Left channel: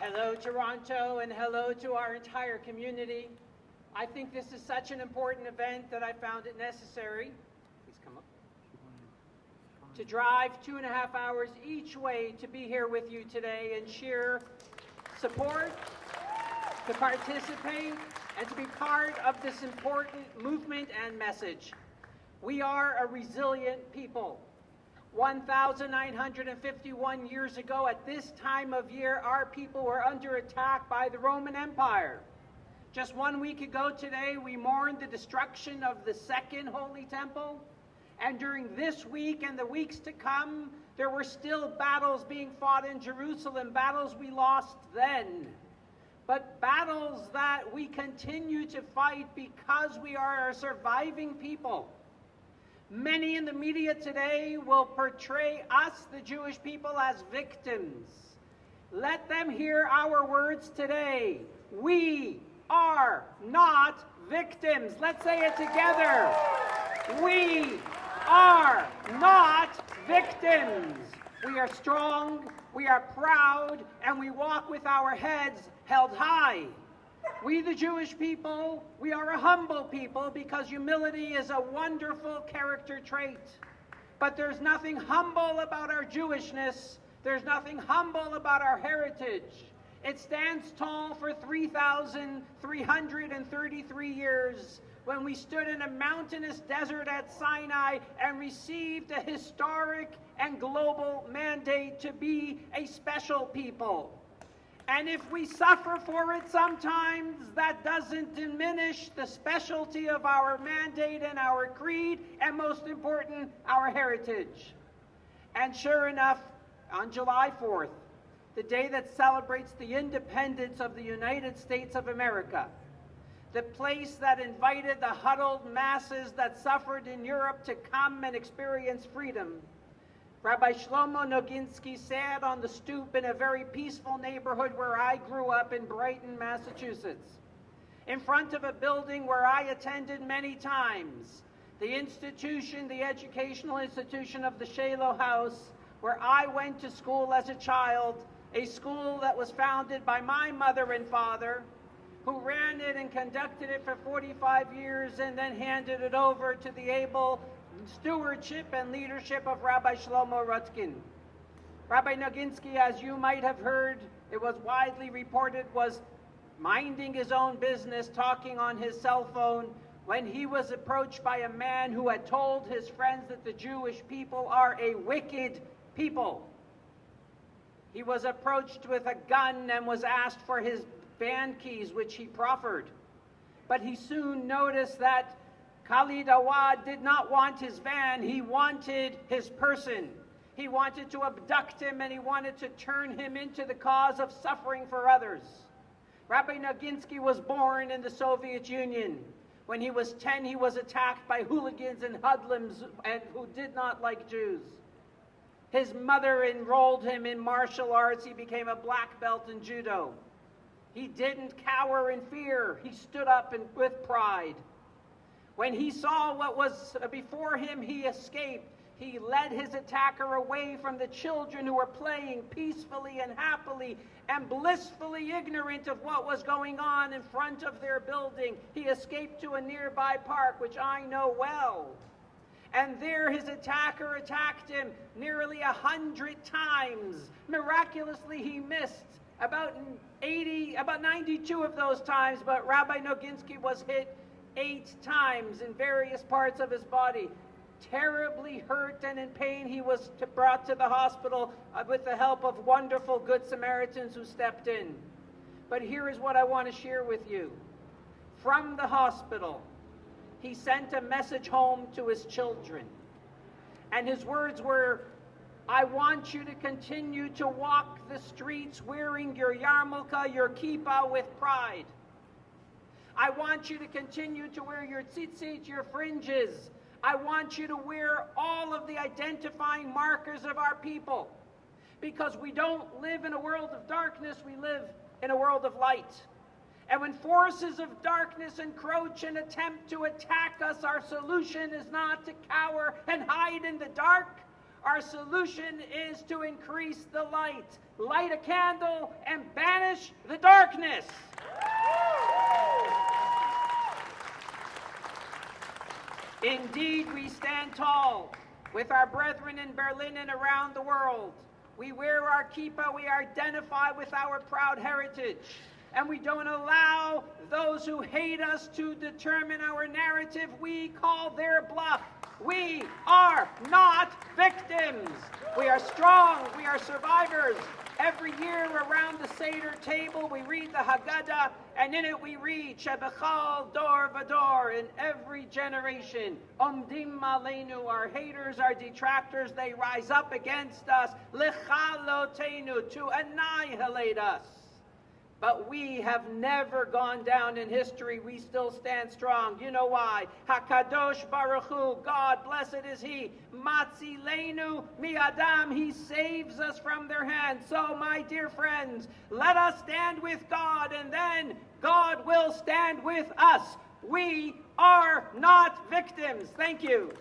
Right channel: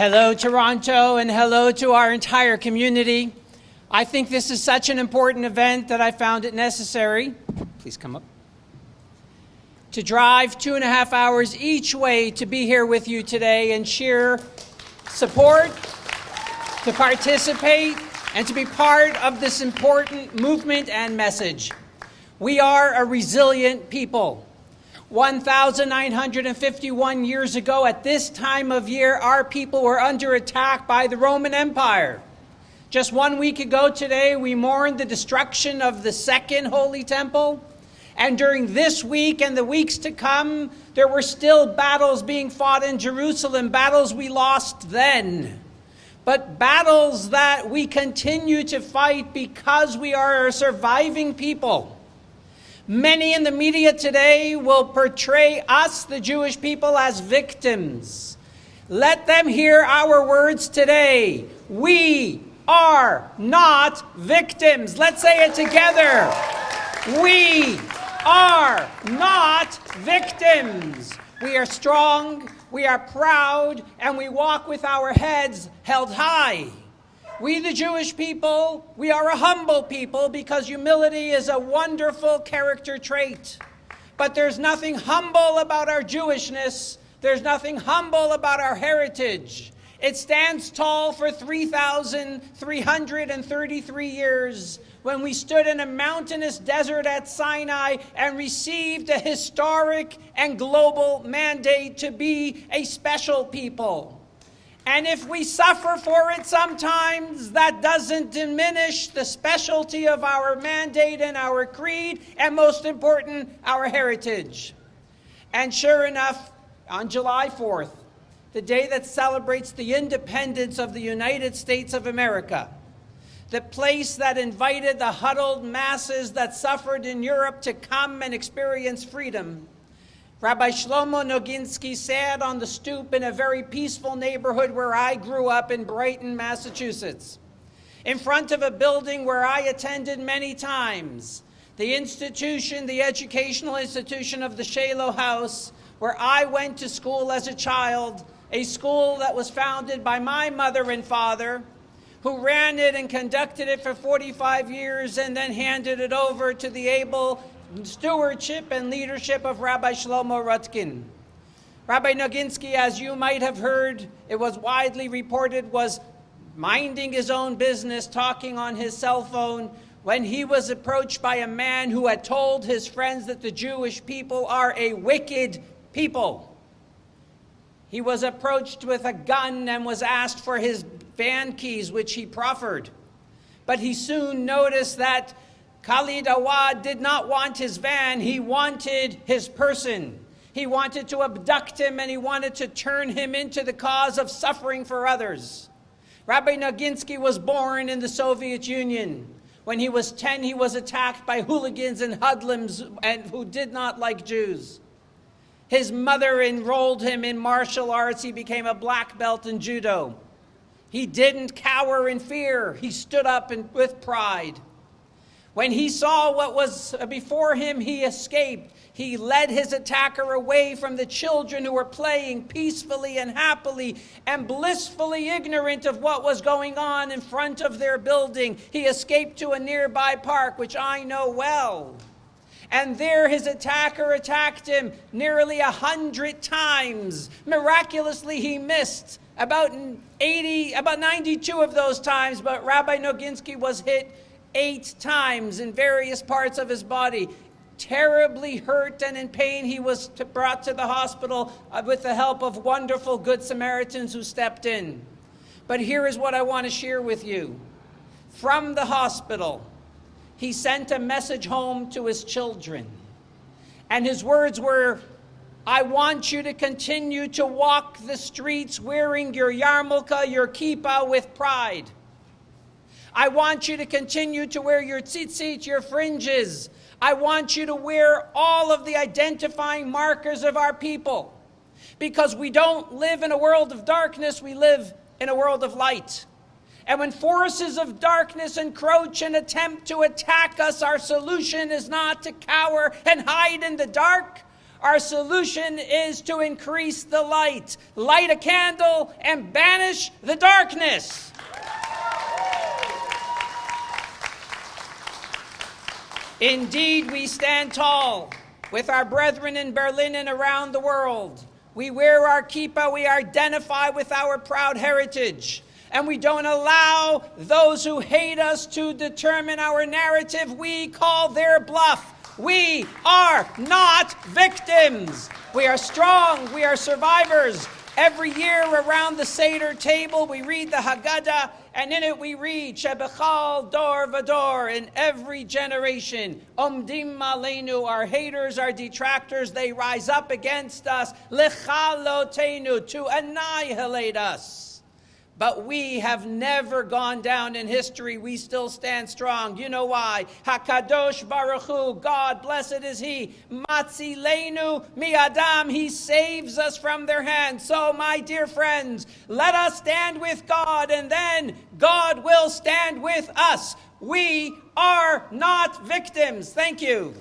Hello, Toronto, and hello to our entire community. I think this is such an important event that I found it necessary, please come up, to drive 2.5 hours each way to be here with you today and share support, to participate, and to be part of this important movement and message. We are a resilient people. 1,951 years ago, at this time of year, our people were under attack by the Roman Empire. Just 1 week ago today, we mourned the destruction of the Second Holy Temple. And during this week and the weeks to come, there were still battles being fought in Jerusalem, battles we lost then, but battles that we continue to fight because we are a surviving people. Many in the media today will portray us, the Jewish people, as victims. Let them hear our words today. We are not victims. Let's say it together. We are not victims. We are strong, we are proud, and we walk with our heads held high. We, the Jewish people, we are a humble people because humility is a wonderful character trait. But there's nothing humble about our Jewishness. There's nothing humble about our heritage. It stands tall for 3,333 years when we stood in a mountainous desert at Sinai and received a historic and global mandate to be a special people. And if we suffer for it sometimes, that doesn't diminish the specialty of our mandate and our creed, and most important, our heritage. And sure enough, on July 4th, the day that celebrates the independence of the United States of America, the place that invited the huddled masses that suffered in Europe to come and experience freedom, Rabbi Shlomo Noginsky sat on the stoop in a very peaceful neighborhood where I grew up in Brighton, Massachusetts, in front of a building where I attended many times, the institution, the educational institution of the Shiloh House, where I went to school as a child, a school that was founded by my mother and father, who ran it and conducted it for 45 years and then handed it over to the able stewardship and leadership of Rabbi Shlomo Rutkin. Rabbi Noginsky, as you might have heard, it was widely reported, was minding his own business, talking on his cell phone, when he was approached by a man who had told his friends that the Jewish people are a wicked people. He was approached with a gun and was asked for his van keys, which he proffered. But he soon noticed that Khalid Awad did not want his van, he wanted his person. He wanted to abduct him and he wanted to turn him into the cause of suffering for others. Rabbi Noginsky was born in the Soviet Union. When he was 10, he was attacked by hooligans and hoodlums who did not like Jews. His mother enrolled him in martial arts. He became a black belt in judo. He didn't cower in fear. He stood up with pride. When he saw what was before him, he escaped. He led his attacker away from the children who were playing peacefully and happily and blissfully ignorant of what was going on in front of their building. He escaped to a nearby park, which I know well. And there his attacker attacked him nearly 100 times. Miraculously, he missed about 92 of those times, but Rabbi Noginsky was hit 8 times in various parts of his body. Terribly hurt and in pain, he was brought to the hospital with the help of wonderful Good Samaritans who stepped in. But here is what I want to share with you. From the hospital, he sent a message home to his children. And his words were, I want you to continue to walk the streets wearing your yarmulke, your kippah, with pride. I want you to continue to wear your tzitzit, your fringes. I want you to wear all of the identifying markers of our people. Because we don't live in a world of darkness, we live in a world of light. And when forces of darkness encroach and attempt to attack us, our solution is not to cower and hide in the dark. Our solution is to increase the light. Light a candle and banish the darkness. Indeed, we stand tall with our brethren in Berlin and around the world. We wear our kippah, we identify with our proud heritage, and we don't allow those who hate us to determine our narrative. We call their bluff. We are not victims. We are strong, we are survivors. Every year around the Seder table, we read the Haggadah, and in it we read, Shebechal dor vador, in every generation, Omdim Aleinu, our haters, our detractors, they rise up against us, Lechalotenu, to annihilate us. But we have never gone down in history. We still stand strong. You know why? HaKadosh Baruch Hu, God, blessed is He. Matzilenu mi'adam, He saves us from their hands. So, my dear friends, let us stand with God, and then God will stand with us. We are not victims. Thank you.